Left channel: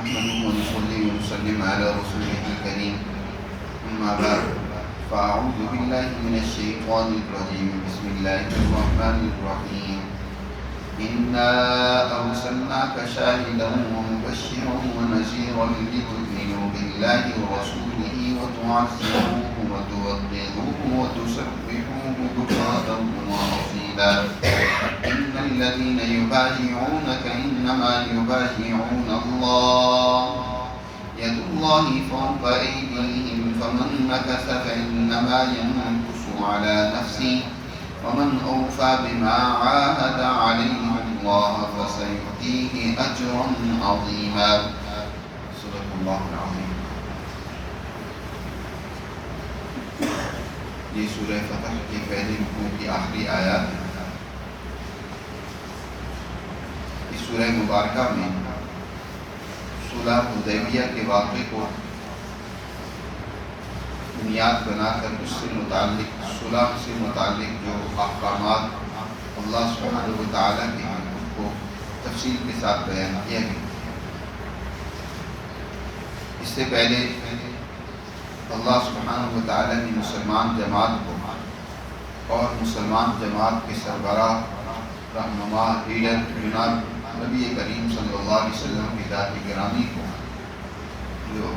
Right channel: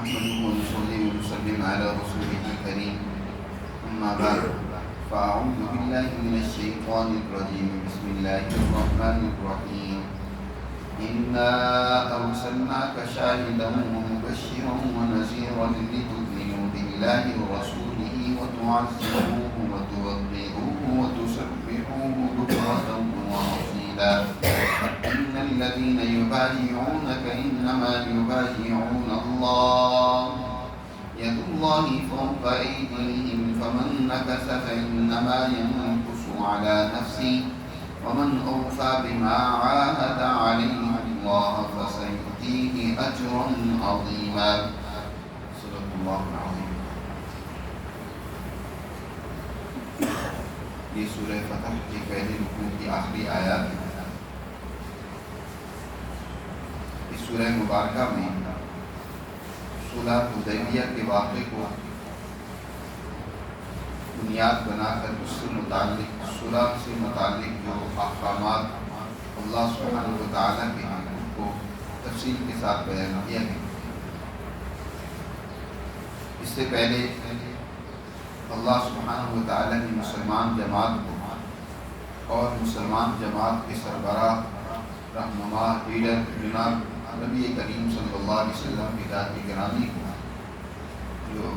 نحمده ونصلي ونسلم على رسوله الكريم أما بعد فأعوذ بالله من الشيطان الرجيم بسم الله الرحمن الرحيم إنا أرسلناك شاهدا ومبشرا ونذيرا لتؤمنوا بالله ورسوله وتعزروه وتوقروه وتسبحوه بكرة وأصيلا إن الذين يبايعونك إنما يبايعون الله يد الله فوق أيديهم فمن نكث فإنما ينكث على نفسه ومن أوفى بما عاهد عليه الله فسيؤتيه أجرا عظيما صدق الله العظيم. یہ سورہ فتح کے پہلے رکوع کی آخری آیات ہے. اس سورہ مبارکہ میں صلح حدیبیہ کے واقعے کو بنیاد بنا کر اس سے متعلق صلح سے متعلق جو احکامات اللہ سبحانہ و تعالیٰ کے ہیں ان کو تفصیل کے ساتھ بیان کیا گیا. اس سے پہلے اللہ سبحانہ و تعالیٰ نے مسلمان جماعت کو اور مسلمان جماعت کے سربراہ رہنما لیڈر جناب نبی کریم صلی اللہ علیہ وسلم کی ذات گرامی کو جو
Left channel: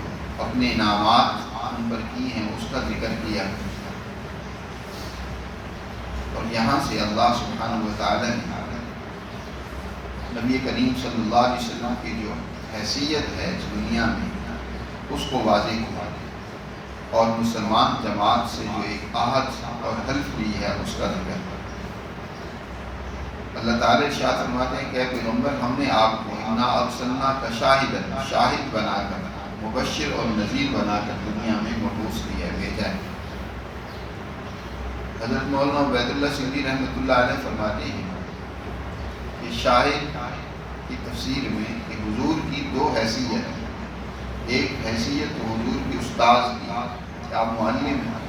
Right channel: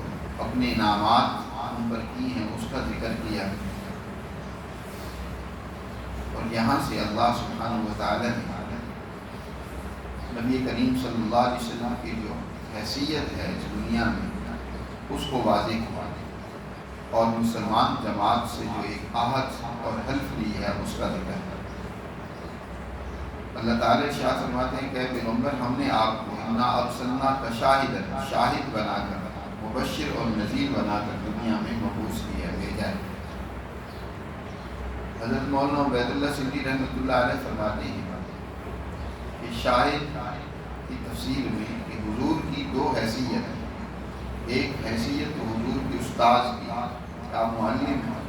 اپنے انعامات ان پر کی ہیں اس کا ذکر کیا. اور یہاں سے اللہ سبحانہ و تعالیٰ نے نبی کریم صلی اللہ علیہ وسلم کی جو حیثیت ہے اس دنیا میں اس کو واضح کیا اور مسلمان جماعت سے جو ایک عہد اور حلف لی ہے اس کا ذکر. اللہ تعالیٰ ارشاد فرماتے ہیں کہ اے پیغمبر ہم نے آپ کو انا ارسلناک شاہدا شاہد بنا کر مبشر اور نذیر بنا کر دنیا میں مبعوث کیا بھیجا ہے. حضرت مولانا عبید اللہ سندھی رحمۃ اللہ علیہ فرماتے ہیں کہ شاہد کی تفسیر میں کہ حضور کی دو حیثیت ہیں. ایک حیثیت حضور کے استاذ کی کہ آپ معلم ہیں.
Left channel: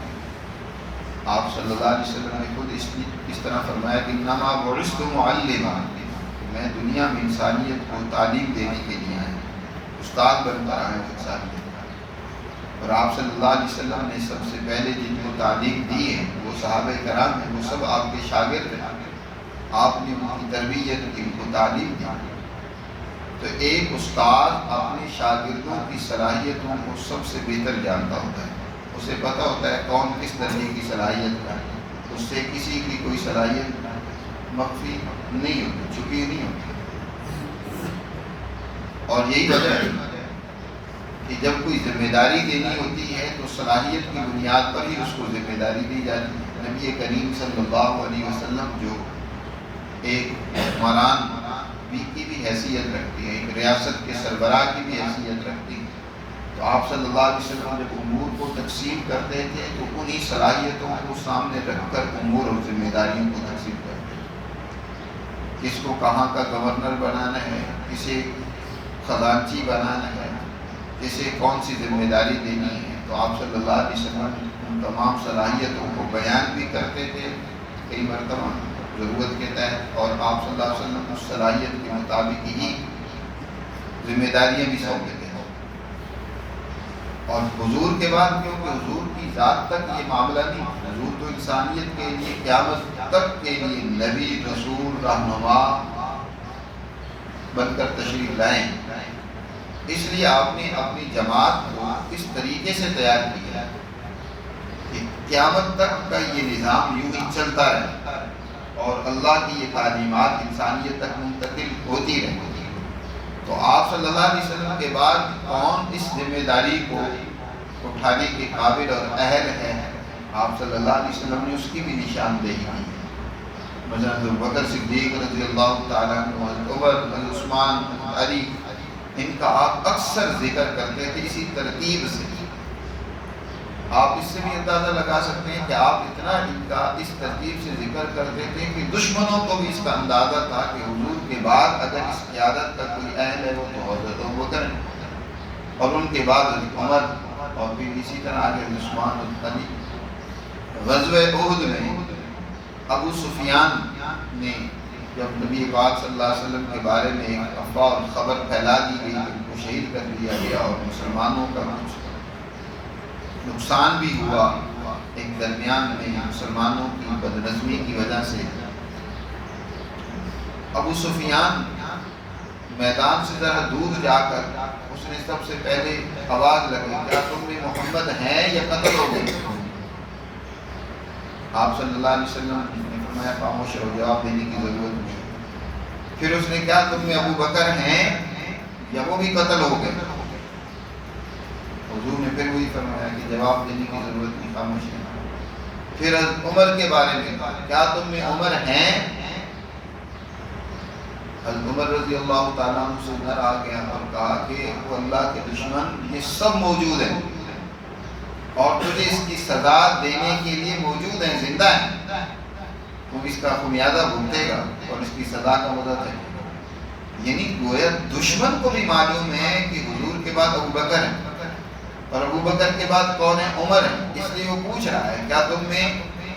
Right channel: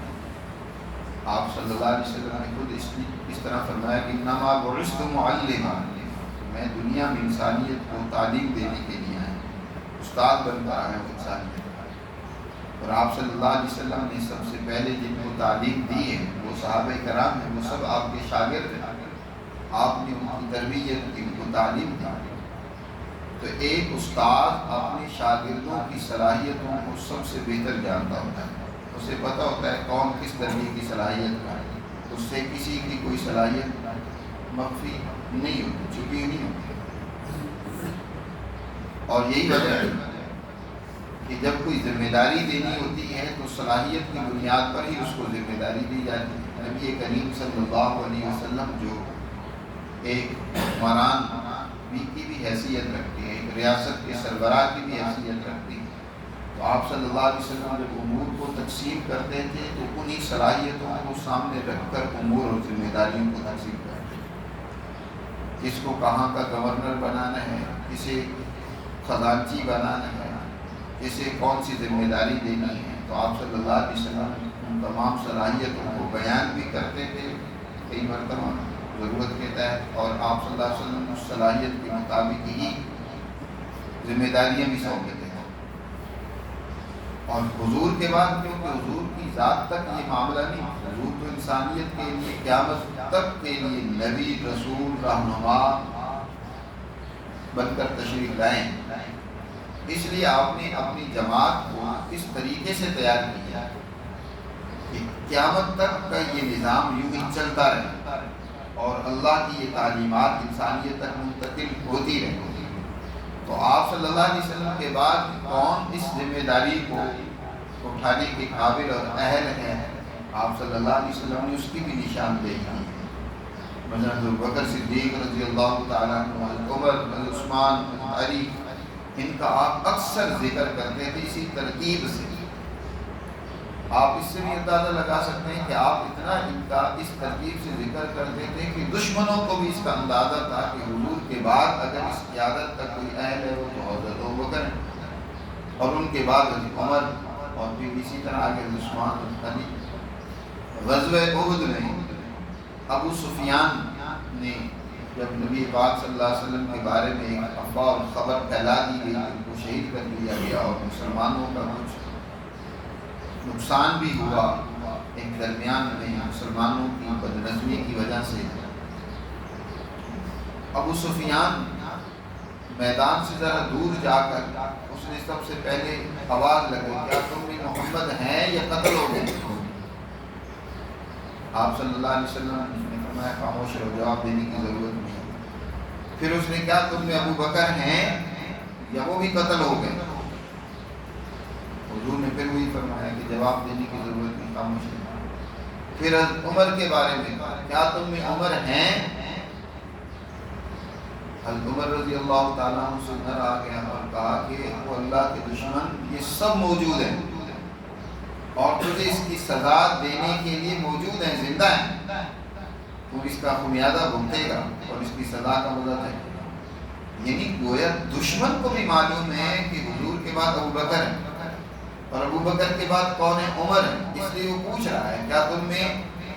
آپ صلی اللہ علیہ وسلم نے خود اس طرح فرمایا کہ انما بعثت معلما کہ میں دنیا میں انسانیت کو تعلیم دینے کے لیے آیا ہوں, استاد بن کر آیا ہوں انسانیت. اور آپ صلی اللہ علیہ وسلم نے سب سے پہلے جن کو تعلیم دی ہے وہ صحابہ کرام ہیں, وہ سب آپ کے شاگرد ہیں. آپ نے ان کی تربیت کی, ان کو تعلیم دی. تو ایک استاد اپنے شاگردوں کی صلاحیتوں کو سب سے بہتر جانتا ہوتا ہے. اسے پتہ ہوتا ہے کون کس درجے کی صلاحیت کا ہے. اس سے کسی کی کوئی صلاحیت مخفی نہیں ہوتی, چھپی نہیں ہوتی. اور یہی وجہ ہے کہ جب کوئی ذمہ داری دینی ہوتی ہے تو صلاحیت کی بنیاد پر ہی اس کو ذمہ داری دی جاتی ہے. نبی کریم صلی اللہ علیہ وسلم جو ایک حکمران کی بھی حیثیت رکھتی ہے, ایک ریاست کے سربراہ کی بھی حیثیت رکھتی ہے, تو آپ صلی اللہ علیہ وسلم جب امور کو تقسیم کرتے تھے تو انہی صلاحیتوں کو سامنے رکھ کر امور اور ذمہ داریوں کو تقسیم کرتے تھے. کس کو کہاں کا گورنر بنانا ہے, کسے خزانچی بنانا ہے, کسے کون سی ذمہ داری دینی ہے. تو آپ صلی اللہ علیہ وسلم ان تمام صلاحیتوں کو بیان بھی کرتے تھے کئی مرتبہ ضرورت کے تحت, اور آپ صلی اللہ علیہ وسلم اس صلاحیت کے مطابق ہی ذمہ داریاں بھی سونپتے تھے. اور حضور کے بعد کیونکہ حضور کی ذات تک یہ معاملہ نہیں, حضور تو انسانیت کے لیے قیامت تک کے لیے نبی رسول رہنما بن کر تشریف لائیں. اس لیے آپ نے اپنی جماعت کو اس طریقے سے تیار کیا کہ قیامت تک کا یہ نظام یوں ہی چلتا رہے اور اللہ کی یہ تعلیمات انسانیت تک منتقل ہوتی رہے. تو آپ صلی اللہ علیہ وسلم کے بعد کون اس ذمہ داری کو اٹھانے کے قابل اور اہل ہے, آپ صلی اللہ علیہ وسلم نے اس کی بھی نشاندہی کی. مثلا ابوبکر صدیق رضی اللہ تعالیٰ عنہ, حضرت عمر, حضرت عثمان, حضرت علی, ان کا آپ اکثر ذکر کرتے تھے اسی ترتیب سے. آپ اس سے بھی اندازہ لگا سکتے ہیں کہ آپ اتنا ان کا اس ترتیب سے ذکر کرتے تھے کہ دشمنوں کو بھی اس کا اندازہ تھا کہ حضور کے بعد اگر اس قیادت کا کوئی اہل ہے وہ تو حضرت ابوبکر ہے, اور ان کے بعد حضرت عمر, اور پھر اسی طرح آگے عثمان, حضرت علی. غزوہ احد میں ابو سفیان نے جب نبی پاک صلی اللہ علیہ وسلم کے بارے میں ایک افواہ اور خبر پھیلا دی گئی کہ ان کو شہید کر دیا گیا اور مسلمانوں کا کچھ نقصان بھی ہوا، ایک درمیان میں مسلمانوں کی بدنظمی کی وجہ سے ابو سفیان میدان سے ذرا دور جا کر اس نے سب سے پہلے آواز لگائی، کیا تم بھی محمد ہیں یا قتل ہو گئے؟ آپ صلی اللہ علیہ وسلم نے فرمایا خاموش رہو، جواب دینے کی ضرورت نہیں۔ پھر اس نے کیا تم میں ابو بکر ہیں یا وہ بھی قتل ہو گئے؟ حضور نے پھر وہی فرمایا کہ جواب دینے کی ضرورت نہیں، خاموش رہو۔ پھر عمر کے بارے میں کیا تم میں عمر ہیں؟ حضرت عمر رضی اللہ تعالیٰ عنہ سے نر آ گیا اور کہا کہ وہ اللہ کے دشمن یہ سب موجود ہیں اور تجھے اس کی سزا دینے کے لیے موجود ہیں، زندہ ہیں، تو اس کا خمیازہ بھگتے گا اور اس کی سزا کا مدد ہے۔ یعنی گویا دشمن کو بھی معلوم ہے کہ حضور کے بعد ابو بکر ہے اور ابو بکر کے بعد کون ہے؟ عمر ہے، اس لیے وہ پوچھ رہا ہے کیا تم نے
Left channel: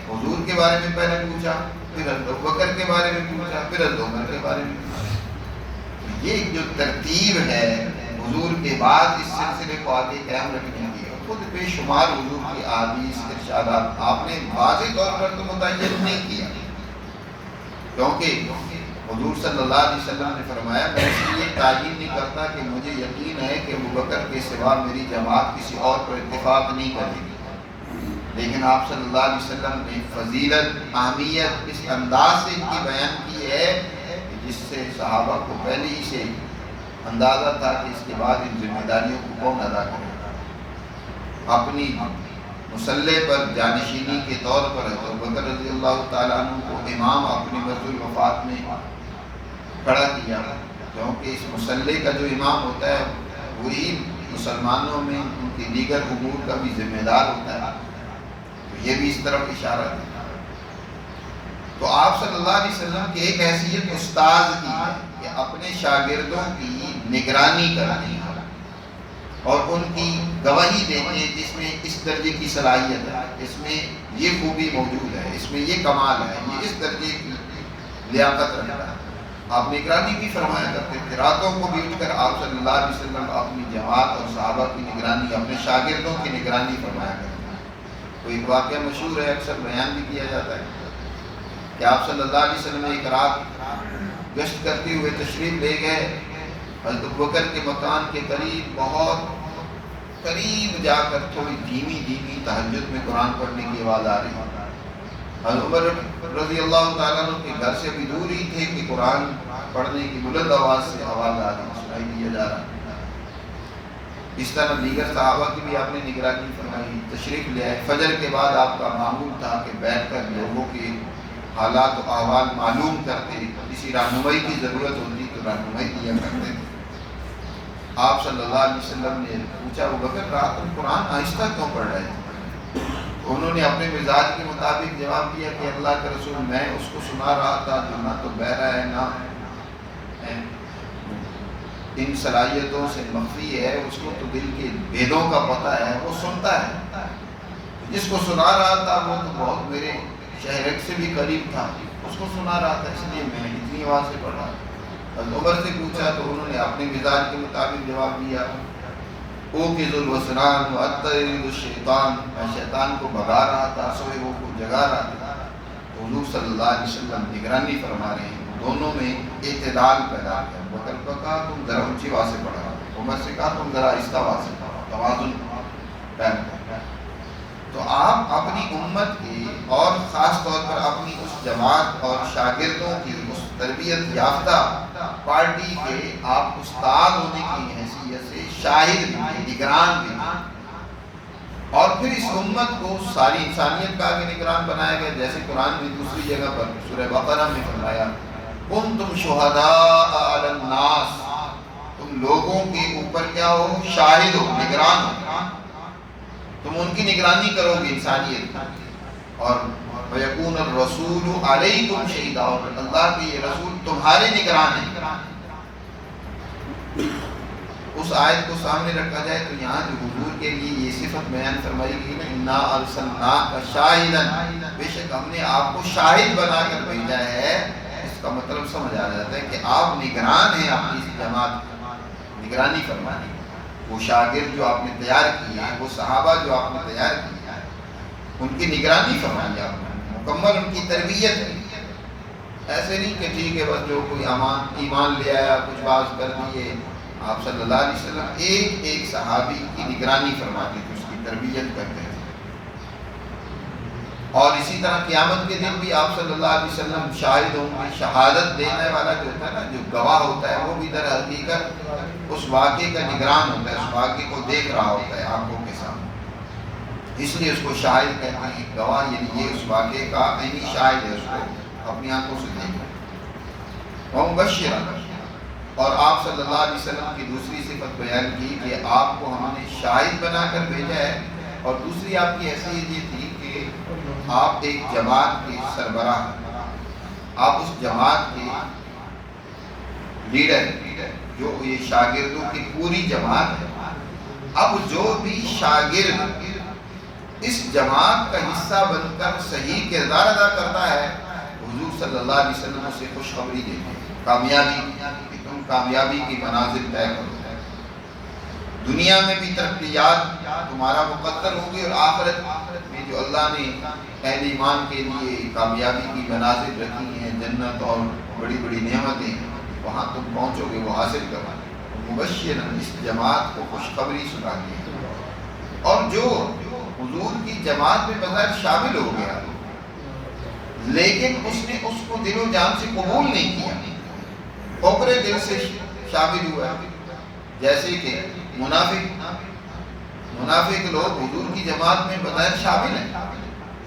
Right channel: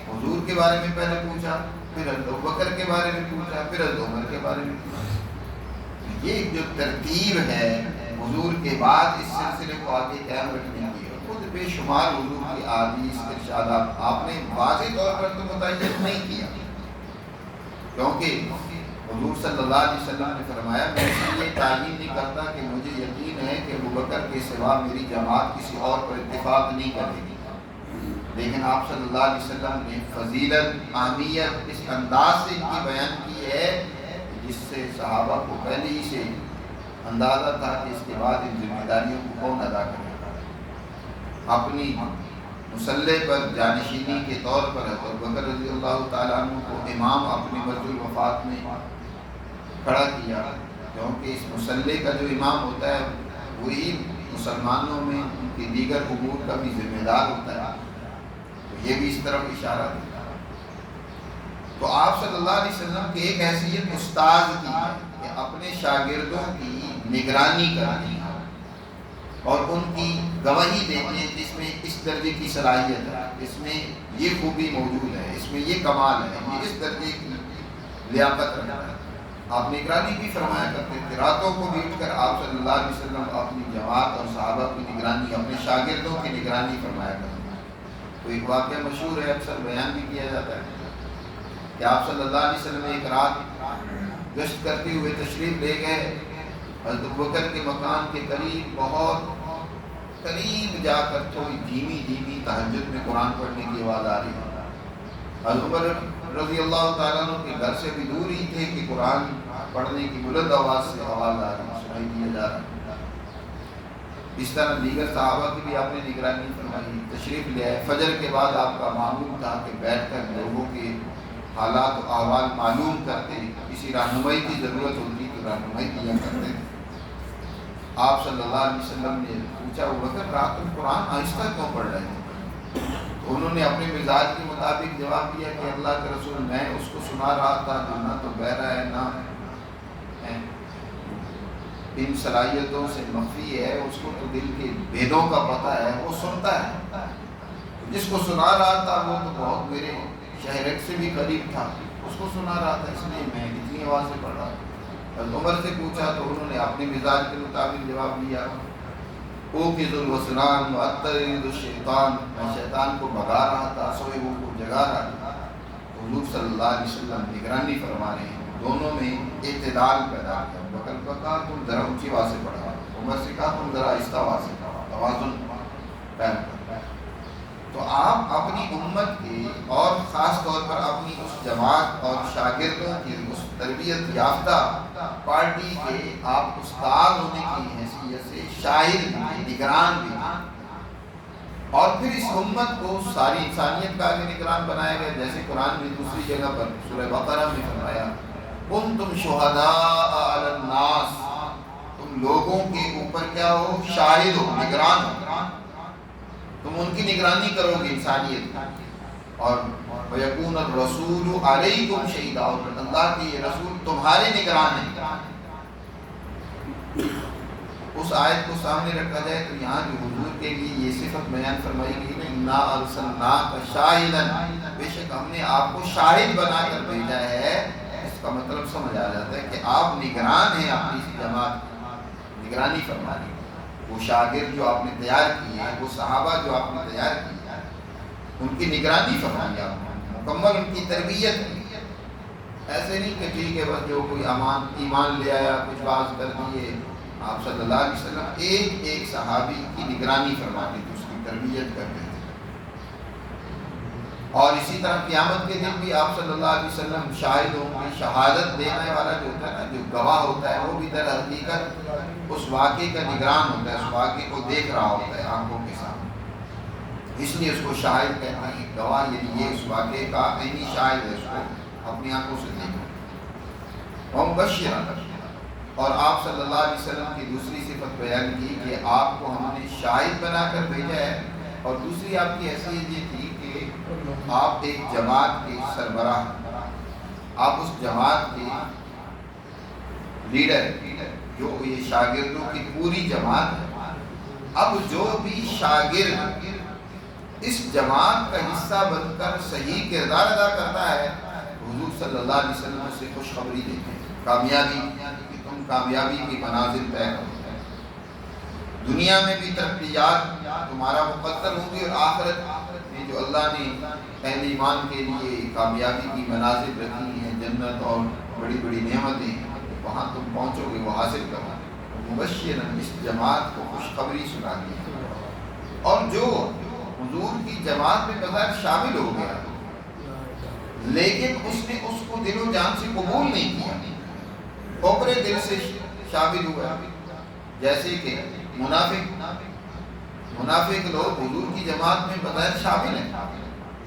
حضور کے بارے میں پہلے پوچھا، پھر ابو بکر کے بارے میں پوچھا، پھر عمر کے بارے میں پوچھا۔ یہ جو ترتیب ہے حضور کے بعد اس سلسلے کو آگے قائم رکھنے کی، خود بے شمار حضور کی احادیث ارشادات آپ نے واضح طور پر تو متعین نہیں کیا، کیونکہ حضور صلی اللہ علیہ وسلم نے فرمایا میں اس یہ تعین نہیں کرتا کہ مجھے یقین ہے کہ ابو بکر کے سوا میری جماعت کسی اور پر اتفاق نہیں کرے گی، لیکن آپ صلی اللہ علیہ وسلم نے فضیلت اہمیت اس انداز سے ان کی بیان کی ہے جس سے صحابہ کو پہلے ہی سے اندازہ تھا کہ اس کے بعد ان ذمہ داریوں کو کون ادا کرے گا۔ اپنی مسلح پر جانشینی کے طور پر ابو بکر رضی اللہ تعالیٰ عنہ کو امام اپنی مسجد الوفات میں کھڑا کیا، کیونکہ اس مسلح کا جو امام ہوتا ہے وہی مسلمانوں میں ان کی دیگر امور کا بھی ذمہ دار ہوتا ہے، تو یہ بھی اس طرف اشارہ ہے۔ تو آپ صلی اللہ علیہ وسلم کی ایک حیثیت استاذ کی ہے کہ اپنے شاگردوں کی نگرانی کرنی ہے اور ان کی گواہی دیتے ہیں جس میں اس درجے کی صلاحیت ہے، اس میں یہ خوبی موجود ہے، اس میں یہ کمال ہے، یہ اس درجے کی لیاقت رکھتا ہے۔ آپ نگرانی بھی فرمایا کرتے تھے، راتوں کو بھی اٹھ کر آپ صلی اللہ علیہ وسلم اپنی جماعت اور صحابہ کی نگرانی، اپنے شاگردوں کی نگرانی فرمایا کرتے ہیں۔ تو ایک واقعہ مشہور ہے، اکثر بیان بھی کیا جاتا ہے کہ آپ صلی اللہ علیہ وسلم ایک رات گشت کرتے ہوئے تشریف لے گئے حضرت ابوبکر کے مکان کے قریب، بہت قریب جا کر تھوڑی دھیمی دھیمی تہجد میں قرآن پڑھنے کی آواز آ رہی ہے۔ حضرت عمر رضی اللہ تعالیٰ عنہ کے گھر سے بھی دور ہی تھے کہ قرآن پڑھنے کی بلند آواز سے آواز آ رہی ہے، سنائی دیا جا رہا ہے۔ اس طرح دیگر صحابہ کی بھی آپ نے نگرانی فرمائی، تشریف لے آئے۔ فجر کے بعد آپ کا معمول تھا کہ بیٹھ کر لوگوں کے حالات و احوال معلوم کرتے، کسی رہنمائی کی ضرورت ہوتی تو رہنمائی کیا کرتے تھے۔ آپ صلی اللہ علیہ وسلم نے پوچھا ابوبکر رات کو قرآن آہستہ کیوں پڑھ رہے تھے؟ انہوں نے اپنے مزاج کے مطابق جواب دیا کہ اللہ کے رسول میں اس کو سنا رہا تھا جو نہ تو بہرا ہے نہ ان صلاحیتوں سے مخفی ہے، اس کو تو دل کے بھیدوں کا پتہ ہے، وہ سنتا ہے۔ جس کو سنا رہا تھا وہ تو بہت میرے شہرک سے بھی قریب تھا، اس کو سنا رہا تھا، اس لیے میں اتنی آواز سے پڑھ رہا تھا۔ حضرت عمر سے پوچھا تو انہوں نے اپنے مزاج کے مطابق جواب دیا، اوقظ الوسنان واترد الشیطان، میں شیطان کو بھگا رہا تھا، سوئے وہ کو جگا رہا تھا۔ تو حضور صلی اللہ علیہ وسلم نگرانی فرما رہے ہیں، دونوں میں اعتدال پیدا کیا۔ بکر کو کہا تم ذرا اونچی آواز سے پڑھا، عمر سے کہا تم ذرا آہستہ آواز سے پڑھا، توازن قائم کرو۔ تو آپ اپنی امت کے اور خاص طور پر اپنی اس جماعت اور شاگردوں کی اس تربیت یافتہ پارٹی کے آپ استاد ہونے کی حیثیت سے شاہد بھی، نگران بھی، اور پھر اس امت کو ساری انسانیت کا آگے نگران بنایا گیا، جیسے قرآن میں دوسری جگہ پر سورہ بقرہ میں فرمایا کنتم شہداء علی الناس، تم لوگوں کے اوپر کیا ہو؟ شاہد ہو، نگران ہو، تم ان کی نگرانی کرو گے انسانیت کی۔ اور وَيَكُونَ الرَّسُولُ عَلَيْكُمْ شَهِيدًا، اور اللہ کے یہ رسول تمہارے نگران ہیں۔ اس آیت کو سامنے رکھا جائے تو یہاں جو حضور کے لیے یہ صفت بیان فرمائی گئی نا، اِنَّا أَرْسَلْنَاكَ شَاهِدًا، بے شک ہم نے آپ کو شاہد بنا کر بھیجا ہے، اس اس کا مطلب سمجھ آ جاتا ہے کہ آپ نگران ہیں اپنی اس جماعت کی، نگرانی فرمانی. وہ شاگرد جو آپ نے تیار کیے ہیں، وہ صحابہ جو آپ نے تیار کیے ہیں، ان کی نگرانی فرمائیے، آپ نے مکمل ان کی تربیت کی. ایسے نہیں کہ ٹھیک ہے بس جو کوئی ایمان لے آیا کچھ باز کر دیے. آپ صلی اللہ علیہ وسلم ایک ایک صحابی کی نگرانی فرماتے تھے، اس کی تربیت کرتے تھے. اور اسی طرح قیامت کے دن بھی آپ صلی اللہ علیہ وسلم شاہد ہوں گے. شہادت دینے والا جو ہوتا ہے نا، جو گواہ ہوتا ہے، وہ بھی در حقیقت اس واقعے کا نگران ہوتا ہے، اس واقعے کو دیکھ رہا ہوتا ہے آنکھوں کے سامنے. اس لیے اس کو شاہد کہتے ہیں، گواہ، یعنی یہ اس واقعے کا عینی شاہد ہے، اس کو اپنی آنکھوں سے دیکھ رہا ہے. اور مبشر، اور آپ صلی اللہ علیہ وسلم کی دوسری صفت بیان کی کہ آپ کو ہم نے شاہد بنا کر بھیجا ہے. اور دوسری آپ کی حیثیت یہ تھی کہ آپ ایک جماعت کے سربراہ، آپ اس جماعت کے لیڈر، جو یہ شاگردوں کی پوری جماعت ہے. اب جو بھی شاگرد اس جماعت کا حصہ بن کر صحیح کردار ادا کرتا ہے، حضور صلی اللہ علیہ وسلم اسے خوشخبری دیتے ہیں، کامیابی، کہ تم کامیابی کی منازل طے کرو. دنیا میں بھی ترقیات تمہارا مقدر ہوں گی، اور آخرت میں جو اللہ نے اہل ایمان کے لیے کامیابی کی منازل رکھی ہیں، جنت اور بڑی بڑی نعمتیں، وہاں تم پہنچو گے، وہ حاصل کرو. مبشر، اس جماعت کو خوشخبری سنا دی. اور جو حضور کی جماعت میں بظاہر شامل ہو گیا لیکن اس نے اس کو دل و جان سے قبول نہیں کیا، اوپرے دل سے شامل ہوا. جیسے کہ منافق لوگ حضور کی جماعت میں بظاہر شامل ہیں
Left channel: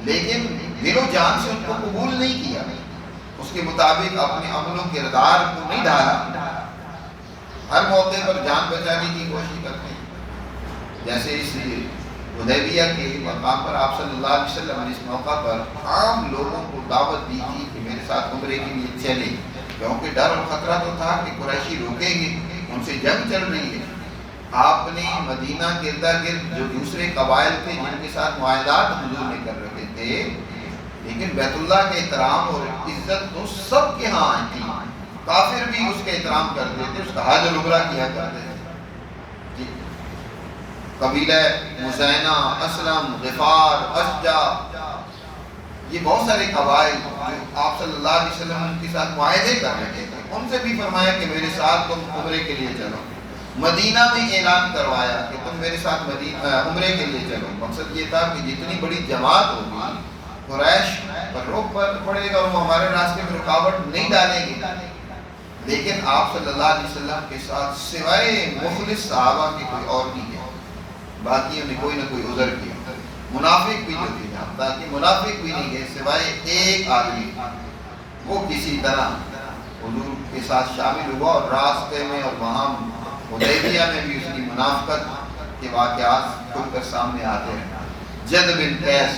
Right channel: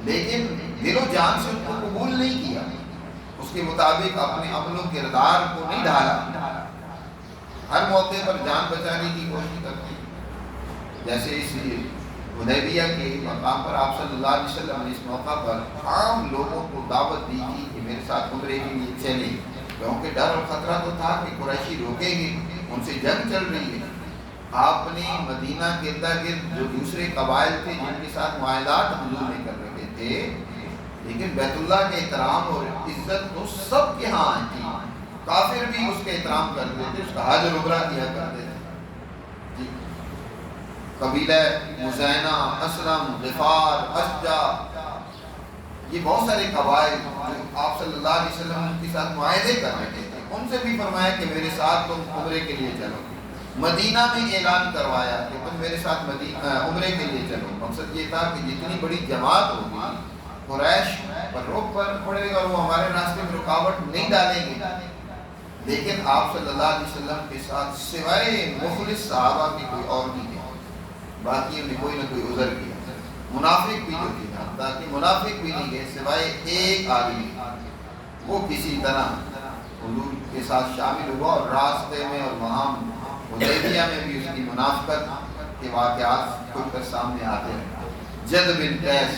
لیکن دل و جان سے ان کو قبول نہیں کیا، اس کے مطابق اپنے عمل و کردار کو نہیں ڈھالا، ہر موقع پر جان بچانے کی کوشش کرتے ہیں. جیسے اس حدیبیہ کے مقام پر آپ صلی اللہ علیہ وسلم نے اس موقع پر عام لوگوں کو دعوت دی تھی کہ میرے ساتھ عمرے کے لیے چلیں، کیونکہ ڈر اور خطرہ تو تھا کہ قریشی روکیں گے، ان سے جنگ چل رہی ہے. آپ نے مدینہ کے ارد گرد جو دوسرے قبائل تھے جن کے ساتھ معاہدات حضور نے کر رکھے تھے، لیکن بیت اللہ کے احترام اور عزت تو سب کے ہاں تھی. کافر بھی اس کے احترام کرتے تھے، اس کا حج اور عمرہ کیا کرتے تھے. قبیلہ مزینہ، اسلم، غفار، اشجع، یہ بہت سارے قبائل جو آپ صلی اللہ علیہ وسلم کے ساتھ معاہدے کر رکھے تھے، ان سے بھی فرمایا کہ میرے ساتھ تم عمرے کے لیے چلو. مدینہ میں اعلان کروایا کہ تم میرے ساتھ عمرے کے لیے چلو. مقصد یہ تھا کہ جتنی بڑی جماعت ہوگی قریش پر روک پڑے گا اور وہ ہمارے راستے میں رکاوٹ نہیں ڈالیں گے. لیکن آپ صلی اللہ علیہ وسلم کے ساتھ سوائے مخلص صحابہ کے کوئی اور نہیں گیا، باقیوں نے کوئی نہ کوئی عذر کیا. منافق بھی جو تھے، تاکہ منافق بھی نہیں گئے سوائے ایک آدمی، وہ کسی طرح حضور کے ساتھ شامل ہوا. اور راستے میں اور وہاں حدیبیہ میں بھی اس کی منافقت کے واقعات کھل کر سامنے آتے ہیں. جد بن قیس،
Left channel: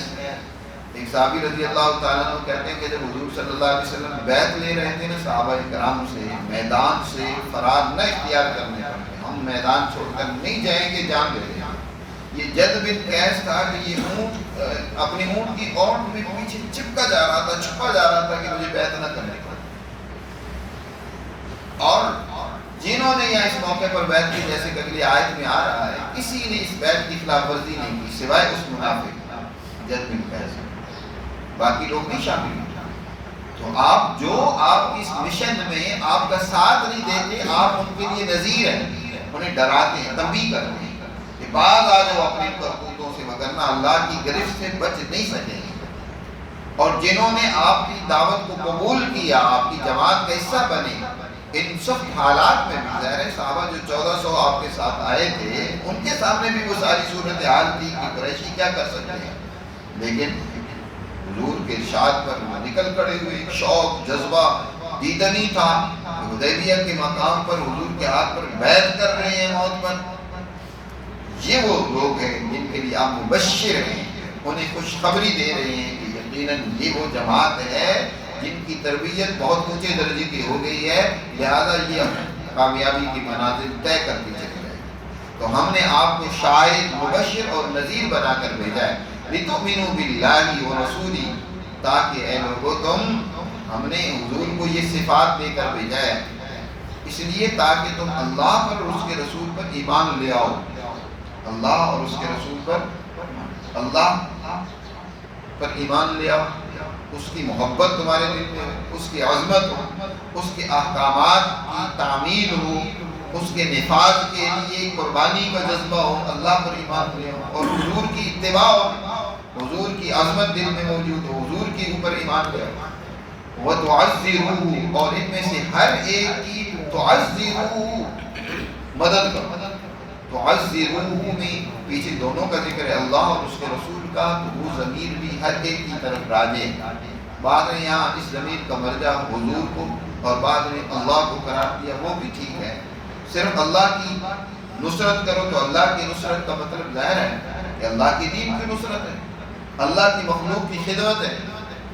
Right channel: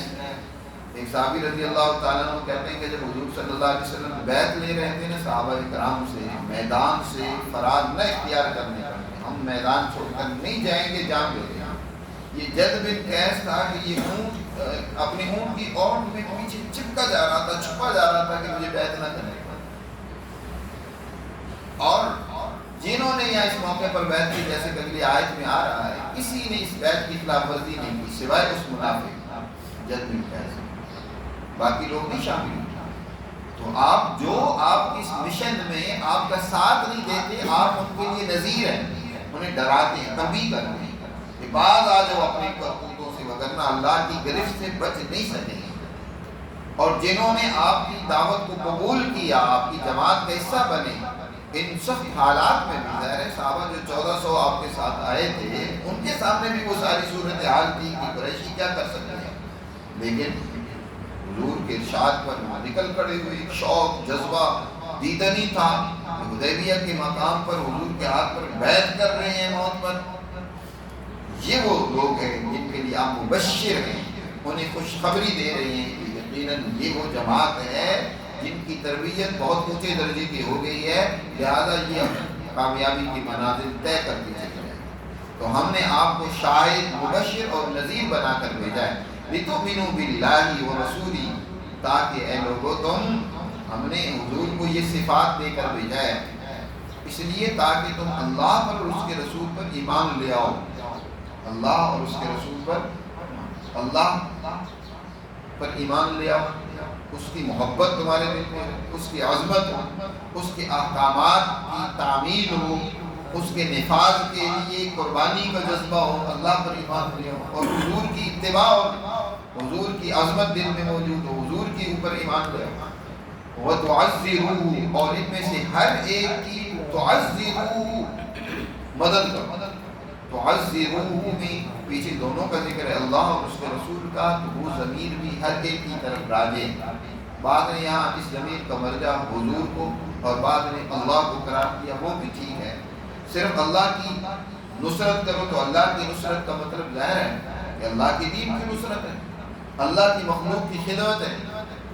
ایک صحابی رضی اللہ تعالیٰ عنہ کہتے ہیں کہ جب حضور صلی اللہ علیہ وسلم بیعت لے رہے تھے نا صحابہ کرام سے، میدان سے فرار نہ اختیار کرنے پر، ہم میدان چھوڑ کر نہیں جائیں گے، جان دے دیں. یہ جد بن قیس تھا کہ یہ اونٹ اپنی اونٹ کی اونٹ میں پیچھے چپکا جا رہا تھا، چھپا جا رہا تھا کہ مجھے بیعت نہ کرنے پڑے. اور جنہوں نے یہاں اس موقع پر بیعت کی، جیسے کہ اگلی آیت میں آ رہا ہے، کسی نے اس بیعت کی خلاف ورزی نہیں کی سوائے اس منافق جد بن قیس، باقی لوگ نہیں شامل ہوئے. تو آپ جو آپ کی اس مشن میں آپ کا ساتھ نہیں دیتے، آپ ان کے لیے نذیر ہیں، انہیں ڈراتے ہیں، تنبیہ کرتے ہیں کہ بعض آ جاؤ اپنی کرتوتوں سے، وگرنہ اللہ کی گرفت سے بچ نہیں سکیں گے. اور جنہوں نے آپ کی دعوت کو قبول کیا، آپ کی جماعت کا حصہ بنے، ان سخت حالات میں بھی، ظاہر ہے صحابہ جو 1400 آپ کے ساتھ آئے تھے ان کے سامنے بھی وہ ساری صورتحال تھی کہ قریشی کیا کر سکتے ہیں، لیکن حضور کے ارشاد پر وہ نکل کھڑے ہوئے. ایک شوق، جذبہ دیدنی تھا. حدیبیہ کے مقام پر حضور کے ہاتھ پر بیعت کر رہے ہیں موت پر. یہ وہ لوگ ہیں جن کے لیے آپ مبشر ہیں، انہیں خوشخبری دے رہے ہیں کہ یقیناً یہ وہ جماعت ہے جن کی تربیت بہت اونچے درجے کی ہو گئی ہے، لہذا یہ کامیابی کی منازل طے کرتی چلی جائے. تو ہم نے آپ کو شاہد، مبشر اور نذیر بنا کر بھیجا ہے. لِتُؤْمِنُوا بِاللَّهِ وَرَسُولِهِ، تاکہ اے لوگو تم ہم نے حضور کو یہ صفات دے کر بھیجا ہے اس لیے تاکہ تم اللہ پر اور اس کے رسول پر ایمان لے آؤ. اللہ اور اس کے رسول پر, اللہ پر ایمان لے آؤ, اس کی محبت تمہارے دل میں ہو, اس کی عظمت ہو, اس کے احکامات کی تعمیل ہو, اس کے نفاذ کے لیے قربانی کا جذبہ ہو, اللہ پر ایمان لے آؤ, اور حضور کی اتباع ہو, حضور کی عظمت دل میں موجود ہو, حضور کے اوپر ایمان لے آؤ. وَتُعَزِّرُوهُ, اور ان میں سے ہر ایک کی تُعَزِّرُوهُ مدد کرو. تُعَزِّرُوهُ میں پیچھے دونوں کا ذکر ہے, اللہ اور اس کے رسول کا, تو وہ ضمیر بھی ہر ایک کی طرف راجع. بعد نے یہاں اس ضمیر کا مرجع حضور کو اور بعد نے اللہ کو قرار دیا, وہ بھی ٹھیک ہے. صرف اللہ کی نصرت کرو تو اللہ کی نصرت کا مطلب ظاہر ہے کہ اللہ کی دین کی نصرت ہے, اللہ کی مخلوق کی خدمت ہے,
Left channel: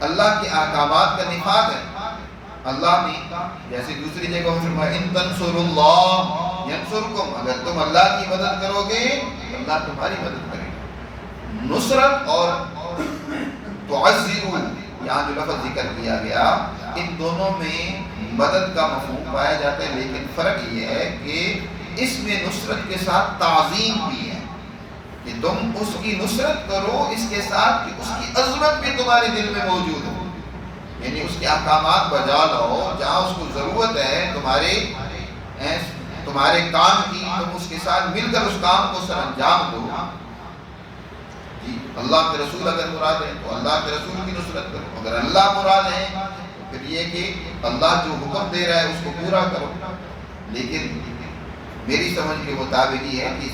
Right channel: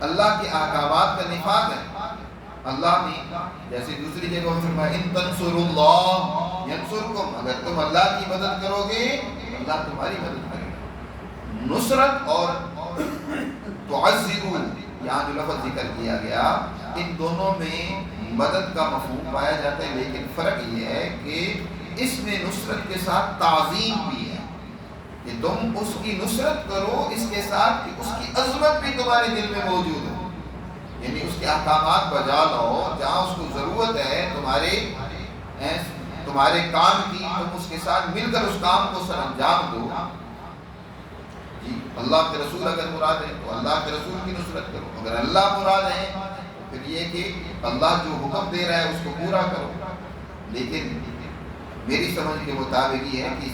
اللہ کے احکامات کا نفاذ ہے. اللہ نے جیسے دوسری جگہ فرمایا ان تنصروا اللہ ینصرکم, اگر تم اللہ کی مدد کرو گے اللہ تمہاری مدد کرے گا. نصرت اور تعزروا یہاں جو لفظ ذکر کیا گیا ان دونوں میں مدد کا مفہوم پایا جاتا ہے, لیکن فرق یہ ہے کہ اس میں نصرت کے ساتھ تعظیم بھی ہے کہ تم اس کی نصرت کرو اس کے ساتھ کہ اس کی عظمت بھی تمہارے دل میں موجود ہو, یعنی اس کے احکامات بجا لاؤ, جہاں اس کو ضرورت ہے تمہارے کام کی, تم اس کے ساتھ مل کر اس کام کو سر انجام دو. جی اللہ کے رسول اگر مراد ہے تو اللہ کے رسول کی نصرت کرو, اگر اللہ مراد ہے تو پھر یہ کہ اللہ جو حکم دے رہا ہے اس کو پورا کرو. لیکن میری سمجھ کے مطابق یہ ہے کہ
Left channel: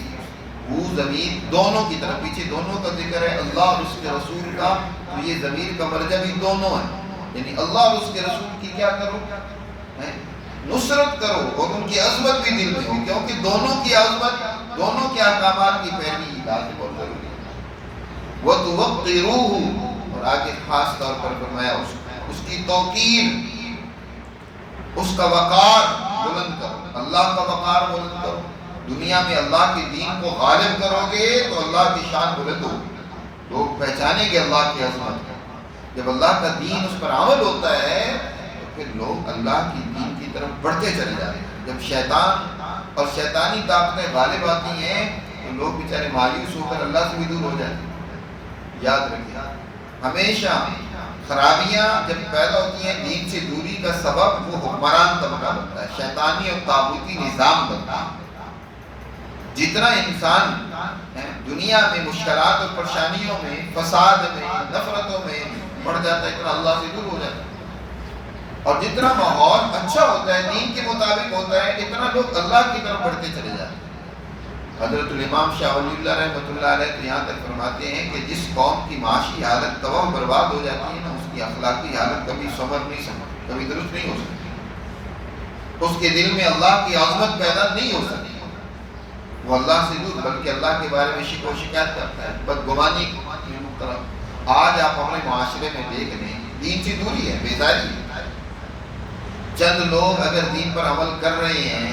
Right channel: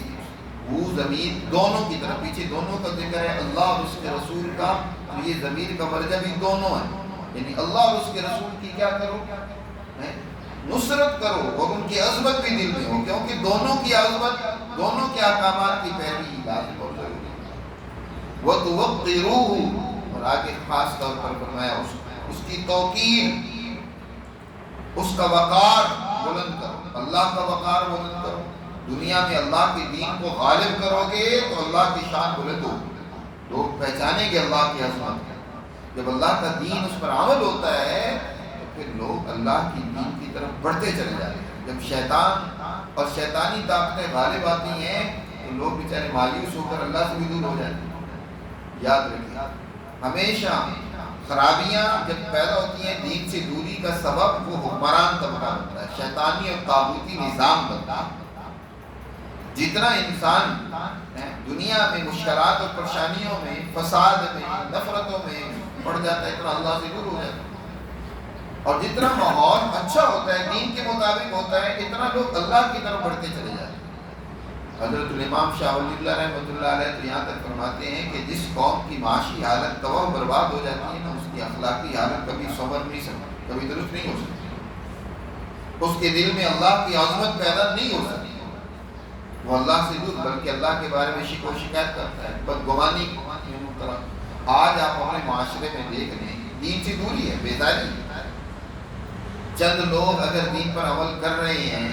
وہ ضمیر دونوں کی طرف, پیچھے دونوں کا ذکر ہے اللہ اور اس کے رسول کا, تو یہ ضمیر کا مرجع بھی دونوں ہے, یعنی اللہ اور اس کے رسول کی کیا کرو, نصرت کرو, اور ان کی عظمت بھی دل میں ہو, کیونکہ دونوں کی عظمت, دونوں کے احکامات کی پیروی لازم اور ضروری ہے. وَتُوَقِّرُوهُ, اور آگے خاص طور پر فرمایا اس کی توقیر, اس کا وقار بلند کرو, اللہ کا وقار بلند کرو. دنیا میں اللہ کے دین کو غالب کرو گے تو اللہ کی شان بلند ہوگی, لوگ پہچانیں گے اللہ کی عظمت. جب اللہ کا دین اس پر عمل ہوتا ہے تو پھر لوگ اللہ کی دین کی طرف بڑھتے چلے جاتے ہیں. جب شیطان اور شیطانی طاقتیں غالب آتی ہیں تو لوگ بیچارے مایوس ہو کر اللہ سے بھی دور ہو جاتے ہیں. یاد رکھیے ہمیشہ خرابیاں جب پیدا ہوتی ہیں دین سے دوری کا سبب وہ حکمران طبقہ بنتا ہے, شیطانی اور طاغوتی نظام بنتا ہے. جتنا انسان دنیا میں مشکلات اور پریشانیوں میں, فساد میں, نفرتوں میں پڑ جاتا ہے, اتنا اللہ سے دور ہو جاتا ہے. اور جتنا ماحول اچھا ہوتا ہے, دین کے مطابق ہوتا ہے, اتنا لوگ اللہ کی طرف بڑھتے چلے جاتے ہیں. حضرت الامام شاہ ولی اللہ رحمۃ اللہ علیہ تو یہاں تک فرماتے ہیں کہ جس قوم کی معاشی حالت تباہ و برباد ہو جاتی ہے نا, اس کی اخلاقی حالت کبھی کبھی درست نہیں ہو سکتی, اس کے دل میں اللہ کی عظمت پیدا نہیں ہو سکتی. وہ اللہ سے دور بلکہ اللہ کے بارے میں شکوہ و شکایت کرتا ہے, بدگمانی میں مبتلا. آج آپ اپنے معاشرے میں دیکھ لیں دین سے دوری ہے, بیداری ہے. چند لوگ اگر دین پر عمل کر رہے ہیں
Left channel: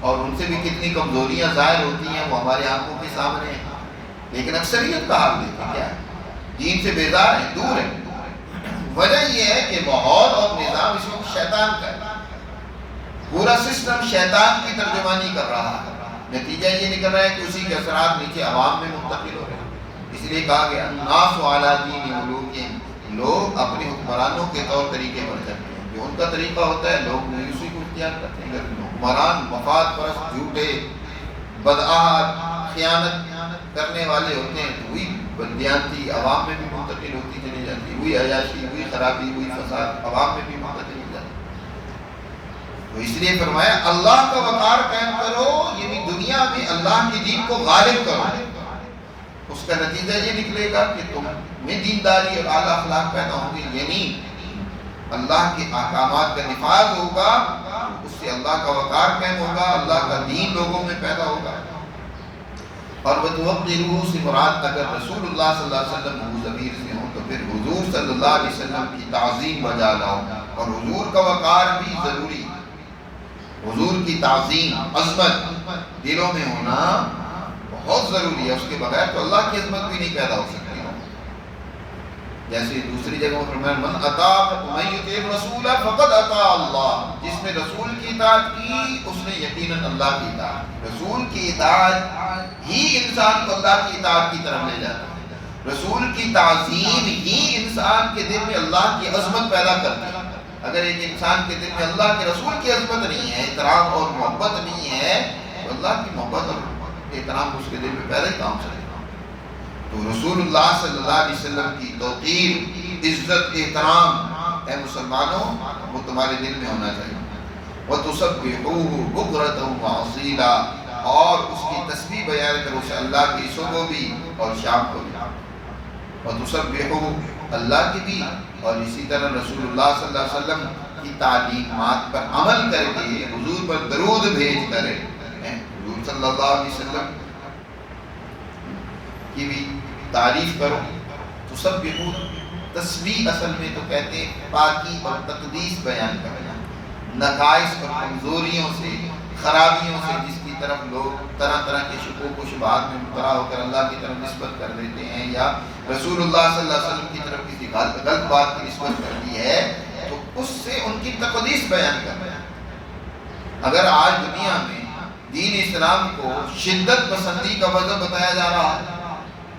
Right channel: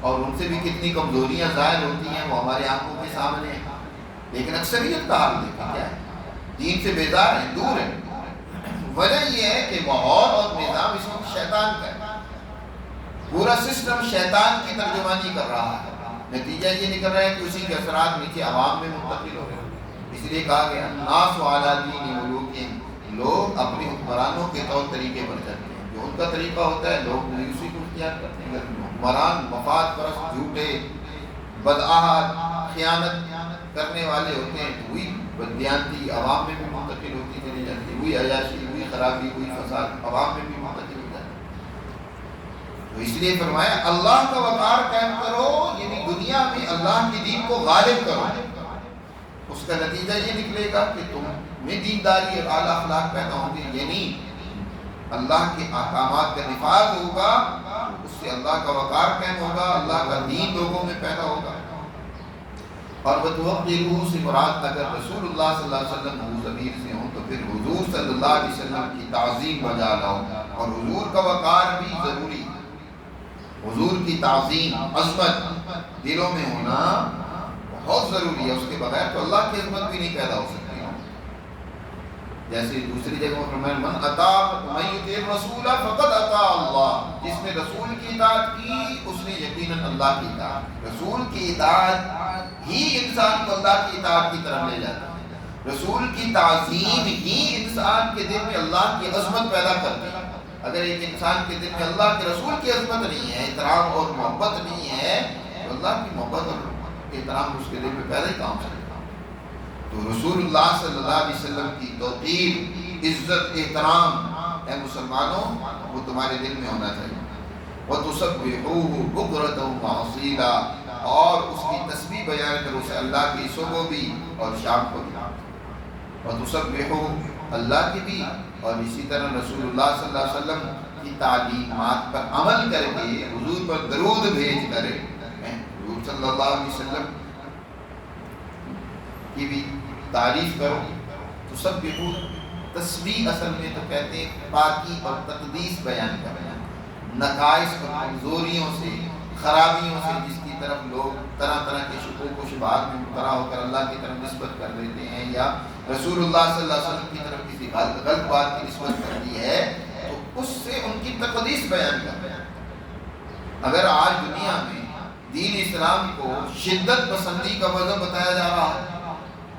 اور ان سے بھی کتنی کمزوریاں ظاہر ہوتی ہیں وہ ہماری آنکھوں کے سامنے ہیں, لیکن اکثریت کا حال دیکھیں کیا ہے, دین سے بیزار ہیں, دور ہیں. وجہ یہ ہے کہ ماحول اور نظام اس وقت شیطان کا ہے, پورا سسٹم شیطان کی ترجمانی کر رہا ہے. نتیجہ یہ نکل رہا ہے کہ اسی کے اثرات نیچے عوام میں منتقل ہو رہے ہیں. اس لیے کہا گیا الناس علی دین ملوکہم, لوگ اپنے حکمرانوں کے طور طریقے پر چلتے ہیں, جو ان کا طریقہ ہوتا ہے لوگ اسی کو اختیار کرتے ہیں. حکمران مفاد پرست, جھوٹے, بدعہد, خیانت کرنے والے ہوتے ہیں تو وہی بددیانتی عوام میں بھی منتقل ہوتی چلی جاتی ہے, وہی عیاشی, وہی خرابی, وہی فساد عوام میں بھی منتقل ہو جاتا ہے. تو اس لیے فرمایا اللہ کا وقار قائم کرو, یعنی دنیا میں اللہ کی دین کو غالب کرو. اس کا نتیجہ یہ نکلے گا کہ تم میں دینداری اور اعلیٰ اخلاق پیدا ہوں گے, یعنی اللہ کے احکامات کا نفاذ ہوگا, اس سے اللہ کا وقار قائم ہوگا, اللہ کا دین لوگوں میں پیدا ہوگا. اور وَتُوَقِّرُوهُ سے مراد اگر رسول اللہ صلی اللہ علیہ وسلم وہ ضمیر سے ہوں تو پھر حضور صلی اللہ علیہ وسلم کی تعظیم بجا لاؤ, اور حضور کا وقار بھی ضروری. حضور کی تعظیم, عظمت دلوں میں ہونا بہت ضروری ہے, اس کے بغیر تو اللہ کی عظمت بھی نہیں پیدا ہو سکتی. جیسے دوسری جگہ میں فرمایا من یطیع الرسول فقد اطاع اللہ، جس نے رسول کی اطاعت کی اس نے یقیناً اللہ کی اطاعت کی۔ رسول کی اطاعت ہی انسان کو اللہ کی اطاعت کی طرف لے جاتا ہے، رسول کی تعظیم ہی انسان کے دل میں اللہ کی عظمت پیدا کرتی ہے۔ اگر ایک انسان کے دل میں اللہ کے رسول کی عظمت نہیں ہے، احترام اور محبت نہیں ہے، تو اللہ کی محبت اور احترام اس کے دل میں پیدا ہی کام سے۔ تو رسول اللہ صلی اللہ علیہ وسلم کی توقیر، عزت، احترام اے مسلمانوں وہ تمہارے دل میں ہونا چاہیے۔ وَتُسَبِّحُوهُ بُكْرَةً وَأَصِيلًا، اور اس کی تسبیح بیان کرو اسے اللہ کی صبح بھی اور شام کو بھی۔ وَتُسَبِّحُوهُ اللہ کی بھی، اور اسی طرح رسول اللہ صلی اللہ علیہ وسلم کی تعلیمات پر عمل کر کے حضور پر درود بھیج کر حضور صلی اللہ علیہ وسلم کی بھی تعریف کرو۔ تسبحو، تسبیح اصل میں تو کہتے ہیں پاکی اور تقدیس بیان کرنا، نقائص اور کمزوریوں سے، خرابیوں سے جس کی طرف لوگ طرح طرح کے شکوک و شبہات میں مبتلا ہو کر اللہ کی طرف نسبت کر دیتے ہیں، یا رسول اللہ صلی اللہ علیہ وسلم کی طرف کسی غلط بات کی نسبت کر دی ہے، تو اس سے ان کی تقدیس بیان کرنا۔ اگر آج دنیا میں دین اسلام کو شدت پسندی کا مذہب بتایا جا رہا ہے،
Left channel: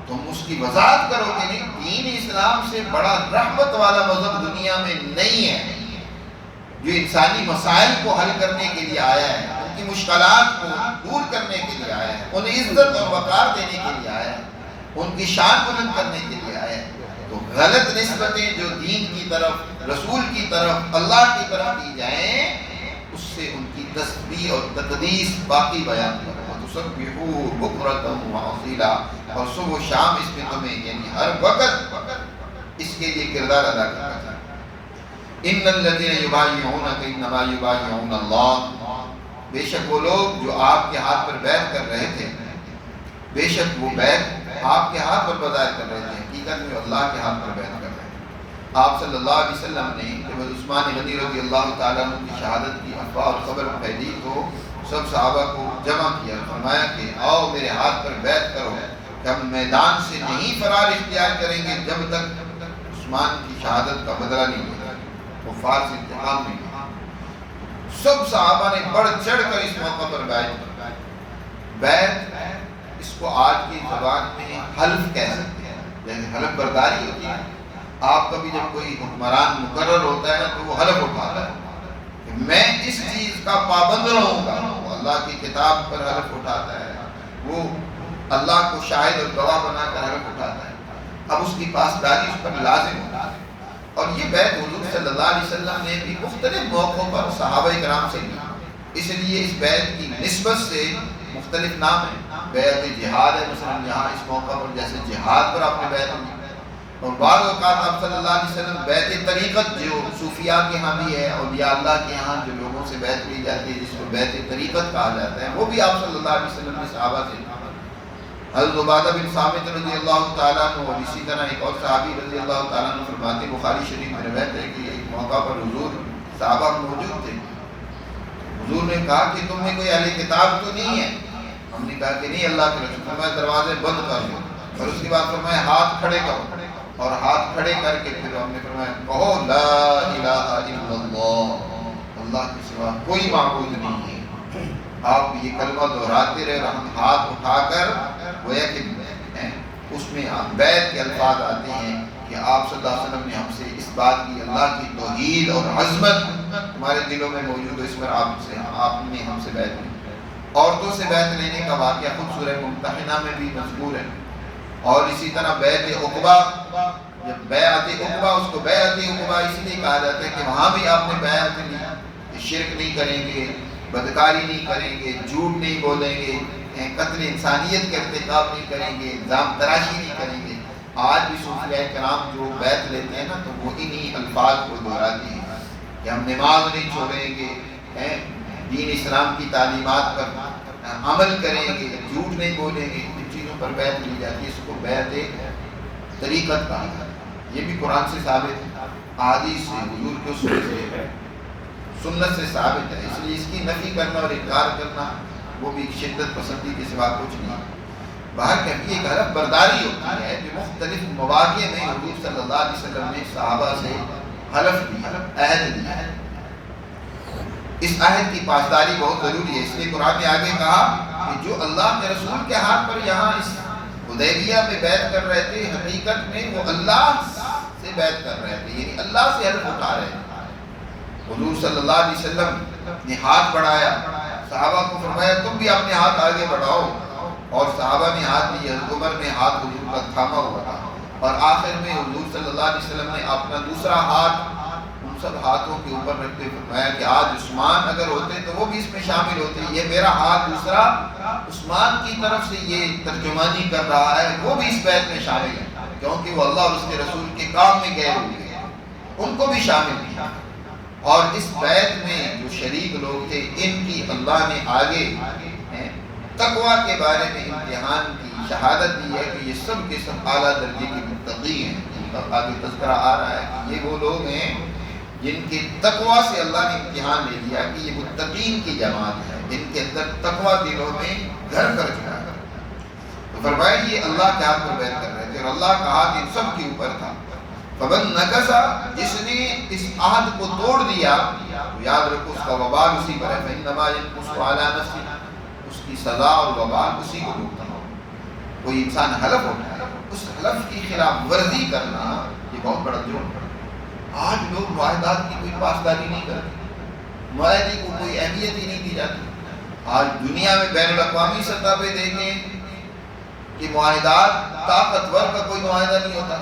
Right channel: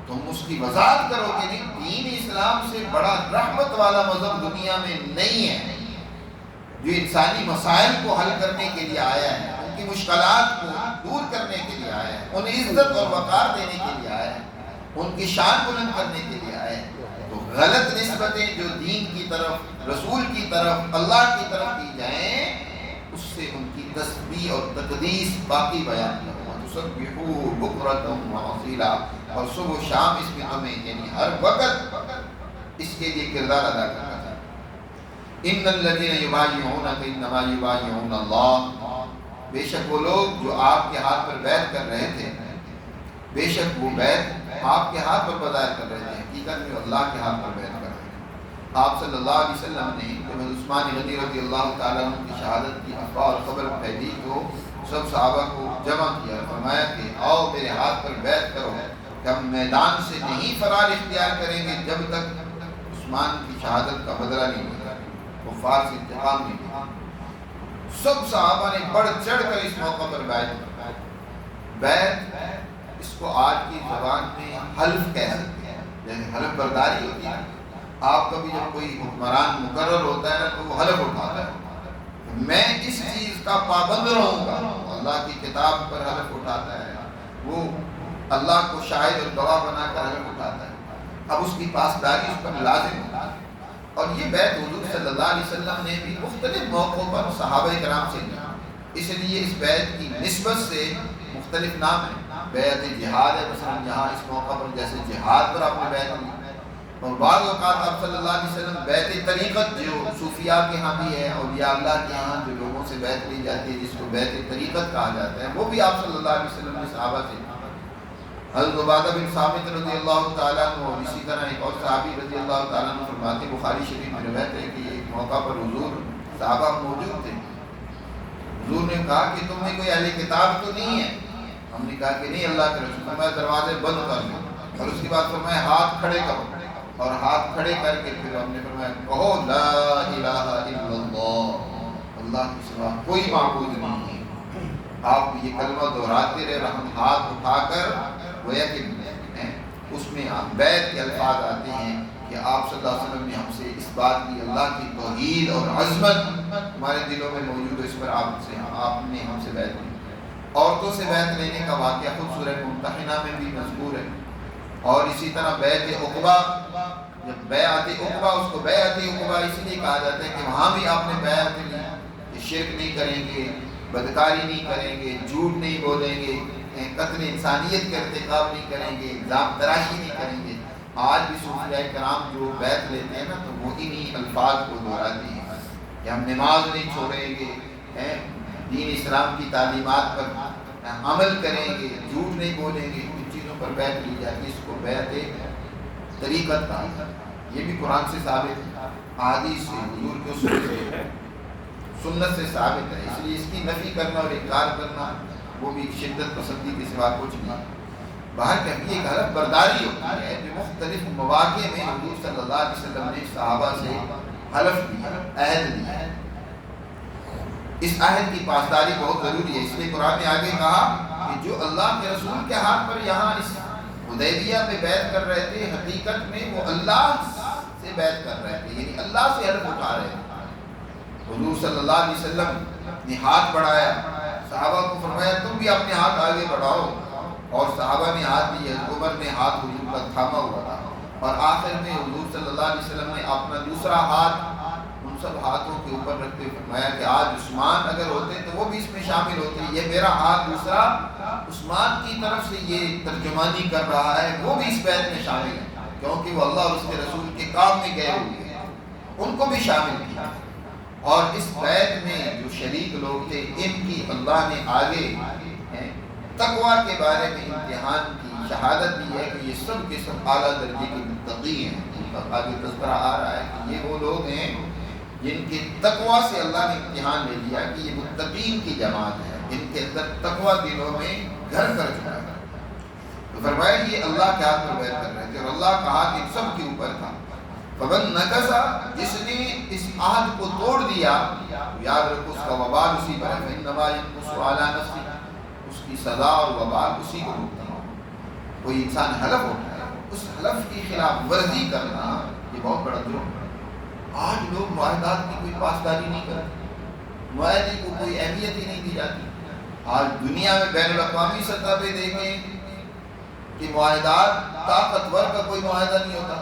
تم اس کی وضاحت کرو کہ نہیں، دین اسلام سے بڑا رحمت والا مذہب دنیا میں نہیں ہے، جو انسانی مسائل کو حل کرنے کے لیے آیا ہے، ان کی مشکلات کو دور کرنے کے لیے آیا ہے، انہیں عزت اور وقار دینے کے لیے آیا ہے، ان کی شان بلند کرنے کے لیے آیا ہے۔ تو غلط نسبتیں جو دین کی طرف، رسول کی طرف، اللہ کی طرف کی جائیں، اس سے ان کی تسبیح اور تقدیس باقی بیان کرو۔ تسبحوہ بکرۃ وأصیلا، اور صبح و شام اس میں تمہیں یعنی ہر وقت اس کے لیے کردار ادا کرنا چاہیے۔ ان الذین یبایعونک انما یبایعون اللہ، بے شک وہ لوگ جو آپ کے ہاتھ پر بیعت کر رہے تھے، بے شک وہ بیعت آپ کے ہاتھ پر بظاہر کر رہے تھے، حقیقت میں اللہ کے ہاتھ پر بیعت کر رہے تھے۔ آپ صلی اللہ علیہ وسلم نے جب عثمان غنی رضی اللہ تعالیٰ عنہ کی شہادت کی افواہ اور خبر پھیلی تو سب صحابہ کو جمع کیا، فرمایا کہ آؤ میرے ہاتھ پر بیعت کرو کہ ہم میدان سے نہیں فرار اختیار کریں گے جب تک عثمان کی شہادت کا بدلہ نہیں ملے، کفار سے انتقام نہیں لیا۔ سب صحابہ نے بڑھ چڑھ کر اس موقع پر بیعت، اس کو آج کی زبان میں حلف کہہ سکتے ہیں، جیسے حلف برداری ہوتی ہے۔ آپ کا بھی جب کوئی حکمران مقرر ہوتا ہے تو وہ حلف اٹھاتا ہے کہ میں اس چیز کا پابند رہوں گا، وہ اللہ کی کتاب پر حلف اٹھاتا ہے، وہ اللہ کو شاہد اور گواہ بنا کر حلف اٹھاتا ہے۔ اب اس کی پاسداری اس پر لازم ہوتی ہے، اور یہ بیعت حضور صلی اللہ علیہ وسلم نے بھی مختلف موقعوں پر صحابہ کرام سے لی، اس لیے اس بیعت کی نسبت سے مختلف نام ہیں۔ بیعت جہاد ہے مثلا یہاں اس موقع پر، جیسے جہاد پر آپ نے بیعت لی، اور بعض اوقات آپ صلی اللہ علیہ وسلم بیعت طریقت جو صوفیاء کے ہاں بھی ہے، اولیاء اللہ کے ہاں جو لوگوں سے بیعت لی جاتی ہے جس کو بیعت طریقت کہا جاتا ہے، وہ بھی آپ صلی اللہ علیہ وسلم نے صحابہ سے لی۔ حضرت عبادہ بن صامت رضی اللہ تعالیٰ عنہ اور اسی طرح ایک اور صحابی رضی اللہ تعالیٰ عنہ فرماتے، بخاری شریف میں روایت ہے کہ ایک موقع پر حضور صحابہ موجود تھے، حضور نے کہا کہ تم میں کوئی اہل کتاب تو نہیں ہے؟ ہم نے کہا کہ نہیں اللہ کے رسول، فرمایا دروازے بند کر دو، اور اس کے بعد فرمایا ہاتھ کھڑے کرو، اور ہاتھ کھڑے کر کے پھر ہم نے فرمایا کہو لا الہ الا اللہ، اللہ کے سوا کوئی معبود نہیں ہے۔ آپ یہ کلمہ دہراتے رہے، اور ہم ہاتھ اٹھا کر گویا کہ اس میں بیعت کے الفاظ آتے ہیں کہ آپ صلی اللہ علیہ وسلم نے ہم سے اس بات کی، اللہ کی توحید اور عظمت ہمارے دلوں میں موجود ہے، اس پر آپ نے ہم سے بیعت لی۔ عورتوں سے بیعت لینے کا واقعہ خود سورہ ممتحنہ میں بھی مذکور ہے، اور اسی طرح بیعت عقبہ، جب بیعت عقبہ، اس کو بیعت عقبہ اس لیے کہا جاتا ہے کہ وہاں بھی آپ نے بیعت لی کہ شرک نہیں کریں گے، بدکاری نہیں کریں گے، جھوٹ نہیں بولیں گے، قتل انسانیت کا ارتکاب نہیں کریں گے، الزام تراشی نہیں کریں گے۔ آج بھی صوفیاء کرام جو بیعت لیتے ہیں نا تو وہ انہی الفاظ کو دہراتے ہیں کہ ہم نماز نہیں چھوڑیں گے، دین اسلام کی تعلیمات پر عمل کریں گے، جھوٹ نہیں بولیں گے، ان چیزوں پر بیعت لی جاتی ہے، اس کو بیعت طریقت کہا جاتا ہے۔ یہ بھی قرآن سے ثابت ہے، احادیث سے، حضور کے اصول سے، سنت سے ثابت ہے، اس لیے اس کی نفی کرنا اور انکار کرنا وہ بھی شدت پسندی کے سوا کچھ نہیں۔ باہر کبھی ایک حلف برداری ہوتی ہے جو مختلف مواقع میں حضور صلی اللہ علیہ وسلم نے صحابہ سے حلف دیا، عہد دیا ہے۔ اس عہد کی پاسداری بہت ضروری ہے، اس لیے قرآن نے آگے کہا کہ جو اللہ کے رسول کے ہاتھ پر یہاں اس حدیبیہ میں بیعت کر رہے تھے، حقیقت میں وہ اللہ سے بیعت کر رہے تھے، یعنی اللہ سے حلف اٹھا رہے تھے۔ حضور صلی اللہ علیہ وسلم نے ہاتھ بڑھایا، صحابہ کو فرمایا تم بھی اپنے ہاتھ آگے بڑھاؤ، اور صحابہ نے ہاتھ دیے، عمر نے ہاتھ حضور کا تھاما ہوا تھا، اور آخر میں حضور صلی اللہ علیہ وسلم نے اپنا دوسرا ہاتھ ان سب ہاتھوں کے اوپر رکھتے فرمایا کہ آج عثمان اگر ہوتے تو وہ بھی اس میں شامل ہوتے، یہ میرا ہاتھ دوسرا عثمان کی طرف سے یہ ترجمانی کر رہا ہے، وہ بھی اس بیعت میں شامل ہے، کیونکہ وہ اللہ اور اس کے رسول کے کام میں گئے ہوئے ہیں، ان کو بھی شامل کیا۔ اور اس بیعت میں جو شریک لوگ تھے ان کی اللہ نے آگے تقویٰ کے بارے میں امتحان کی شہادت دی ہے کہ یہ سب کے سب اعلیٰ درجے کے متقی ہیں۔ آگے تذکرہ آ رہا ہے کہ یہ وہ لوگ ہیں جن کے تقویٰ سے اللہ نے امتحان لے لیا کہ یہ متقین کی جماعت ہے، جن کے اندر تقویٰ دلوں میں گھر کر چکا ہے۔ تو فرمایا یہ اللہ کے ہاتھ پر بیعت کر رہے تھے، اور اللہ کا ہاتھ ان سب کے اوپر تھا۔ فمن نکث، جس نے اس عہد کو توڑ دیا، یاد رکھو اس کا وبال اسی پر ہے، فإنما ينقص على نفسه، اس کی سزا اور وبال اسی کو بھگتنا ہوگا۔ کوئی انسان حلف اٹھائے، اس حلف کی خلاف ورزی کرنا یہ بہت بڑا جرم ہے۔ آج لوگ معاہدات کی کوئی پاسداری نہیں کرتے، معاہدے کو کوئی اہمیت ہی نہیں دی جاتی۔ آج دنیا میں بین الاقوامی سطح پہ دیکھیں کہ معاہدات، طاقتور کا کوئی معاہدہ نہیں ہوتا،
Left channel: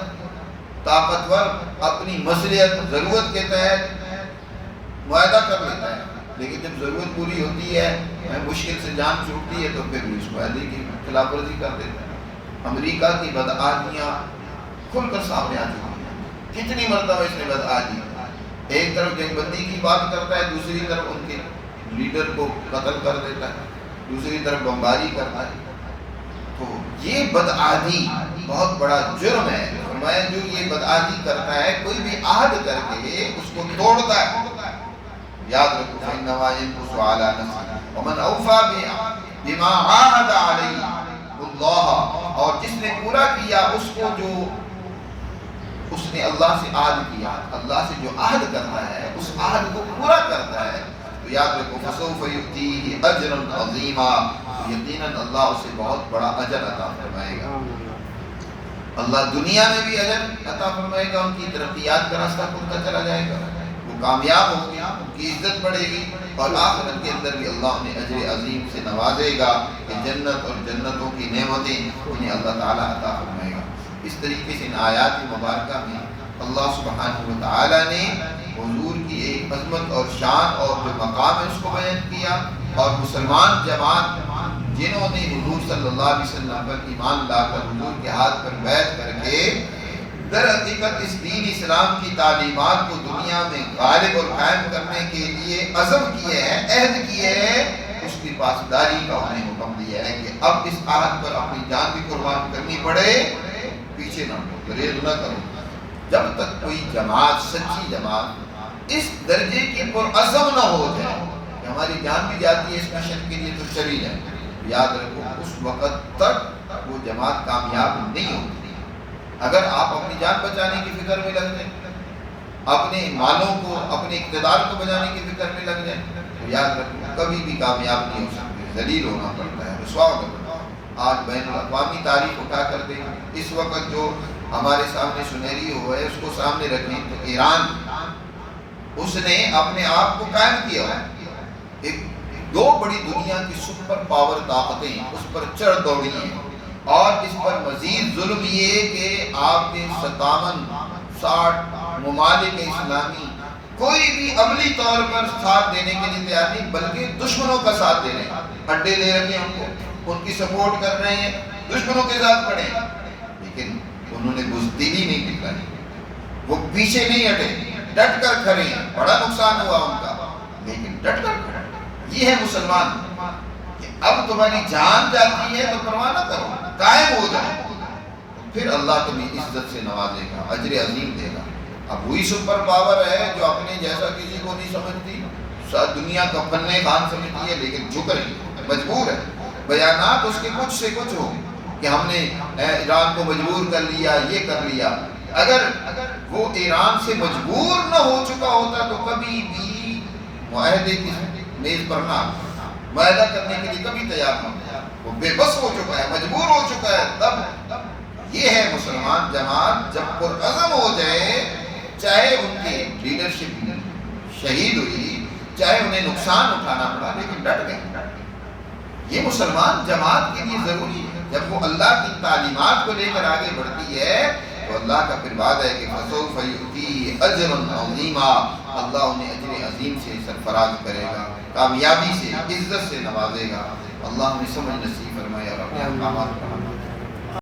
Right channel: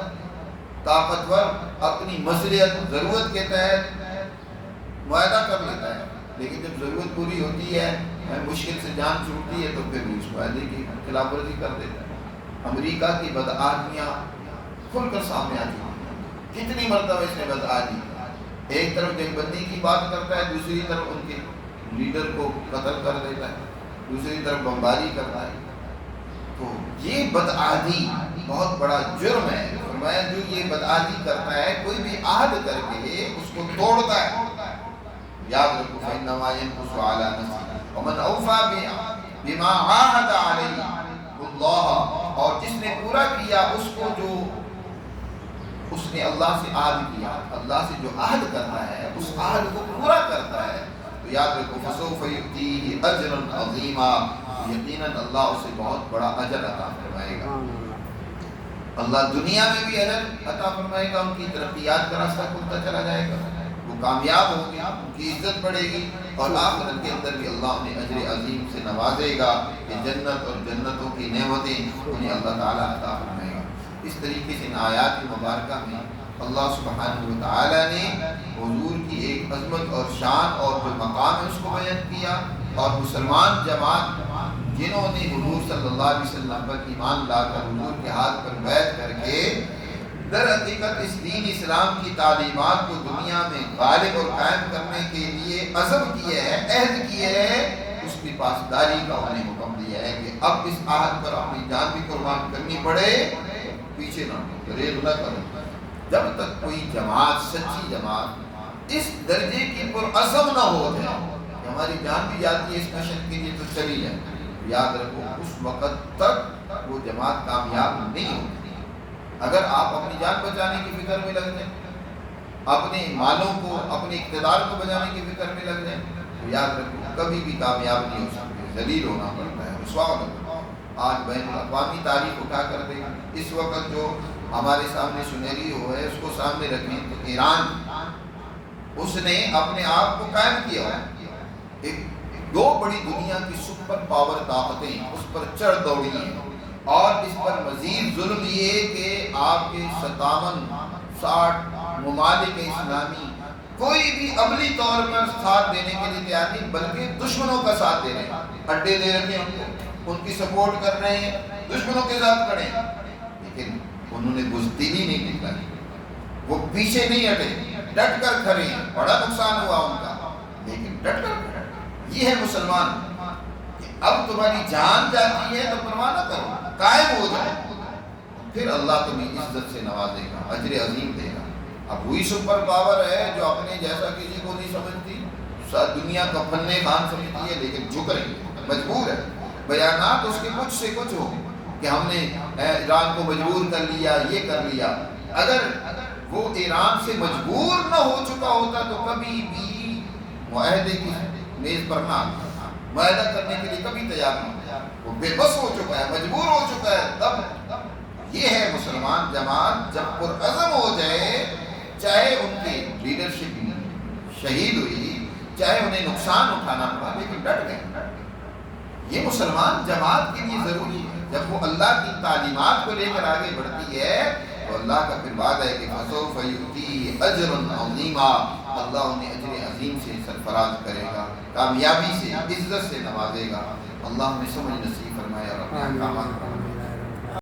طاقتور اپنی مصلحت ضرورت کے تحت معاہدہ کر لیتا ہے، لیکن جب ضرورت پوری ہوتی ہے، مشکل سے جان چھوٹتی ہے، تو پھر وہ اس معاہدے کی خلاف ورزی کر دیتا ہے۔ امریکہ کی بدعہدیاں کھل کر سامنے آ چکی ہیں، کتنی مرتبہ اس نے بدعہدی، ایک طرف جنگ بندی کی بات کرتا ہے، دوسری طرف ان کے لیڈر کو قتل کر دیتا ہے، دوسری طرف بمباری کرتا ہے۔ تو یہ بدعہدی بہت بڑا جرم ہے۔ فرمایا جو یہ بدعہدی کرتا ہے، کوئی بھی عہد کر کے اس کو توڑتا ہے، یاد رکھو فإنما ينقص على نفسه ومن أوفى بما عاهد عليه الله، اور جس نے پورا کیا اس کو جو اس نے اللہ سے عہد کیا، اللہ سے جو عہد کرتا ہے اس عہد کو پورا کرتا ہے، تو یاد رکھو فسوف يؤتيه اجرا عظیما، یقیناً اللہ اسے بہت بڑا اجر عطا فرمائے گا۔ اللہ دنیا میں بھی اجر عطا فرمائے گا، ان کی ترقیات کا راستہ کھلتا چلا جائے گا، وہ کامیاب ہوں گے، ان کی عزت بڑھے گی، اور آخرت کے اندر بھی اللہ انہیں اجر عظیم سے نوازے گا کہ جنت اور جنتوں کی نعمتیں انہیں اللہ تعالیٰ عطا فرمائے گا۔ اس طریقے سے ان آیات مبارکہ میں اللہ سبحانہ و تعالیٰ نے حضور کی ایک عظمت اور شان اور جو مقام ہے اس کو بیان کیا، اور مسلمان جماعت جنہوں نے حضور صلی اللہ علیہ وسلم پر ایمان لا کر حضور کے ہاتھ پر بیعت کر کے در حقیقت اس دین اسلام کی تعلیمات کو دنیا میں غالب اور قائم کرنے کے لیے عزم کیے ہیں، عہد کیے ہیں، اس کی پاسداری کا انہیں حکم دیا ہے کہ اب اس عہد پر اپنی جان بھی قربان کرنی پڑے، پیچھے نہ ہو، گریز نہ کرو، جب تک کوئی جماعت، سچی جماعت اس درجے کی پرعزم نہ ہو جائے کہ ہماری جان بھی جاتی ہے اس مشن کے لیے تو چلی جائے، یاد رکھو اس وقت تک وہ جماعت کامیاب نہیں ہوتی۔ اگر آپ اپنی جان بچانے کی فکر میں لگ جائیں، اپنے مالوں کو، اپنے اقتدار کو بچانے کی فکر میں لگ جائیں، تو یاد رکھو کبھی بھی کامیاب نہیں ہو سکتے، ذلیل ہونا پڑتا ہے، رسوا ہونا پڑتا ہے۔ آج بین الاقوامی تاریخ اٹھا کر دیں، اس وقت جو ہمارے سامنے سنہری ہو ہے اس کو سامنے رکھیں تو ایران، اس نے اپنے آپ کو قائم کیا ہوا، ایک دو بڑی دنیا کی سپر پاور طاقتیں اس پر چڑھ دوڑی ہیں، اور اس پر مزید ظلم یہ کہ آپ کے 57-60 ممالک اسلامی کوئی بھی عملی طور پر ساتھ دینے کے لیے تیار نہیں، بلکہ دشمنوں کا ساتھ دے رہے ہیں، اڈے دے رکھے ہیں ان کو، ان کی سپورٹ کر رہے ہیں، دشمنوں کے ساتھ کھڑے ہیں، لیکن انہوں نے بزدلی نہیں دکھائی، وہ پیچھے نہیں ہٹے، ڈٹ کر کھڑے ہیں، بڑا نقصان ہوا ان کا، لیکن ڈٹ کر کھڑے۔ یہ ہے مسلمان کہ اب تمہاری جان جاتی ہے تو پرواہ نہ کرو، قائم ہو جاؤ، پھر اللہ تمہیں عزت سے نوازے گا، اجر عظیم دے گا۔ اب وہی سپر پاور ہے جو اپنے جیسا کسی کو نہیں سمجھتی، دنیا کا فن خان سمجھتی ہے، لیکن جھک رہی ہے، مجبور ہے، بیانات اس کے کچھ سے کچھ ہو، کہ ہم نے ایران کو مجبور کر لیا، یہ کر لیا. اگر وہ ایران سے مجبور نہ ہو چکا ہوتا تو کبھی بھی معاہدے کی میز پر نہ معاہدہ کرنے کے لیے کبھی تیار نہ ہوتا. وہ بے بس ہو چکا ہے، مجبور ہو چکا ہے. تب یہ ہے مسلمان جماعت جب پرعزم ہو جائے، چاہے ان کی لیڈرشپ شہید ہوئی، چاہے انہیں نقصان اٹھانا پڑا، لیکن ڈٹ گئے. یہ مسلمان جماعت کے لیے ضروری ہے. جب وہ اللہ کی تعلیمات کو لے کر آگے بڑھتی ہے تو اللہ کا پھر وعدہ ہے کہ فَسَوْفَ يُؤْتِيهِ أَجْرًا عَظِيمًا، اللہ انہیں اجر عظیم سے سرفراز کرے گا، کامیابی سے، عزت سے نوازے گا. اللہ ہمیں سمجھ نصیب فرمائے اور اپنے احکامات پر